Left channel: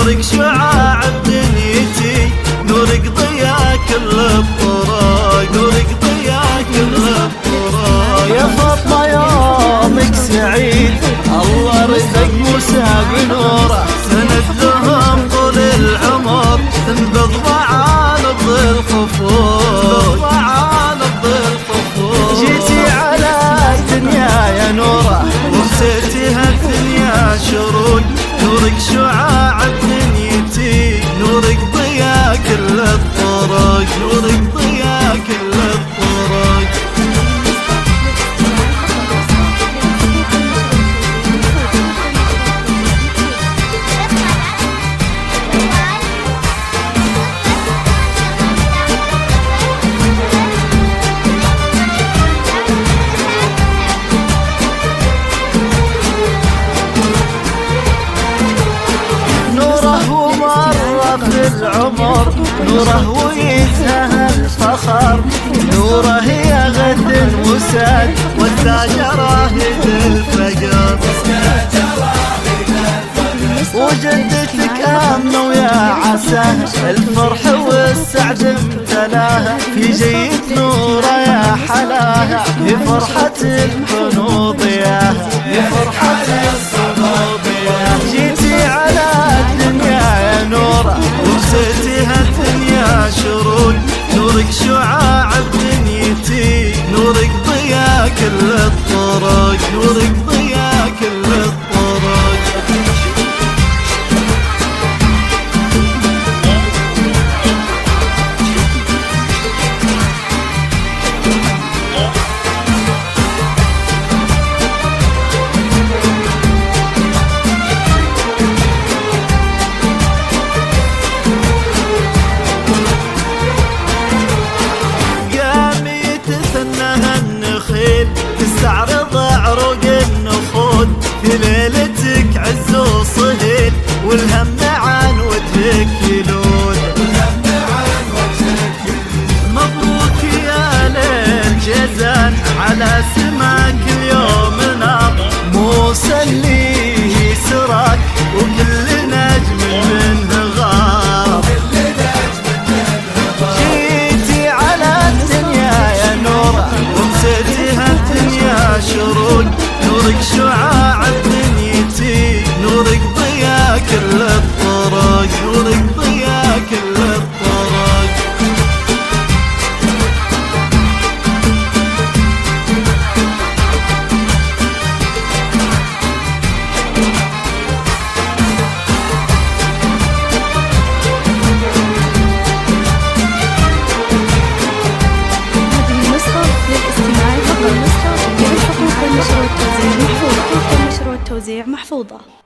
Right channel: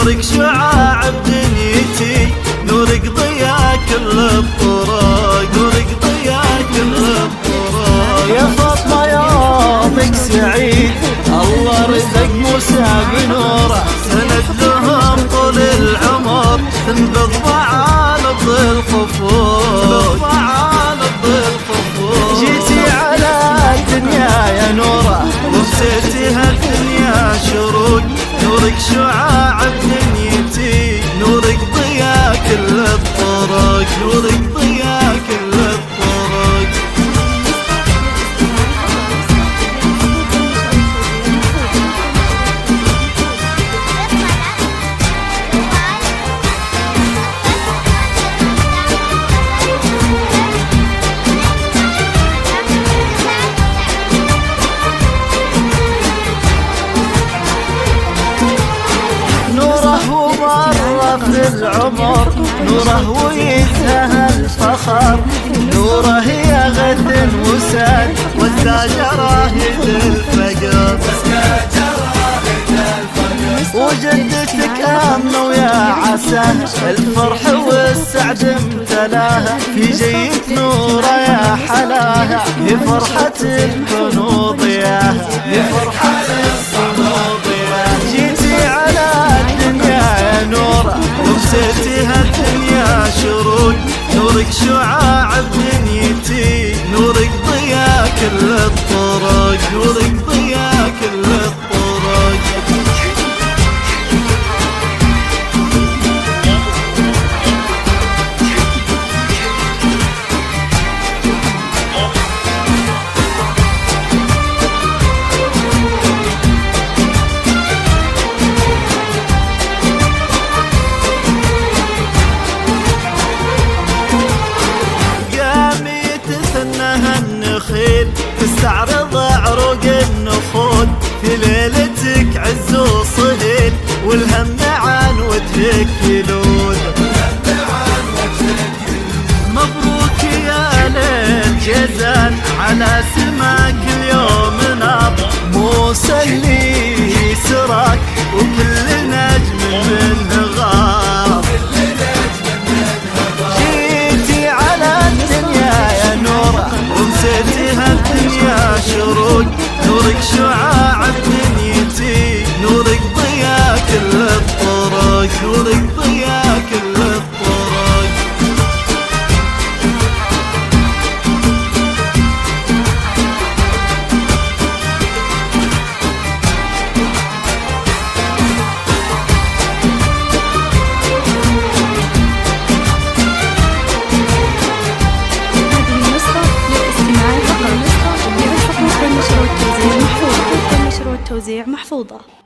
نورك شعاع بدنيتي، نورك ضياء كل الطرق، نورك ضياء كل الطرق. يا فاطمة يومك سعيد، الله رزق موسى بنوره، سند لهم طول العمر، تنبض معالب الخفوق، معالب الخفوق. جيتي على الدنيا يا نوره، وبسيتي هالدنيا شروق، نورك شعاع بدنيتي، نورك ضياء كل الطرق، نورك ضياء كل الطرق. نوره ومر في العمر، نوره ويزهى الفخر، نوره يا غد وساد والتاج راهد الفقر. وجدتك آمنة ويا عسى الفرح والسعد امتلاها، في جيت نوره يا حلاها، هي فرحة الكنوض ياها، هي فرحة الكنوض ياها. جيتي على الدنيا يا نوره، وبسيتي هالدنيا شروق، نورك شعاع بدنيتي، نورك ضياء كل الطرق، نورك ضياء كل الطرق. تثنها النخيل تستعرض عروق النخود، في ليلتك عز وصهيل والهم عن وجهك يلود. مبروك يا ليل جزان على سماك اليوم نار، موسى اللي سراك وكل نجم منه غار. وبسيتي هالدنيا شروق، نورك شعاع بدنيتي، نورك ضياء كل الطرق، نورك ضياء كل الطرق. للاستماع فقط. الحقوق والنشر والتوزيع محفوظة.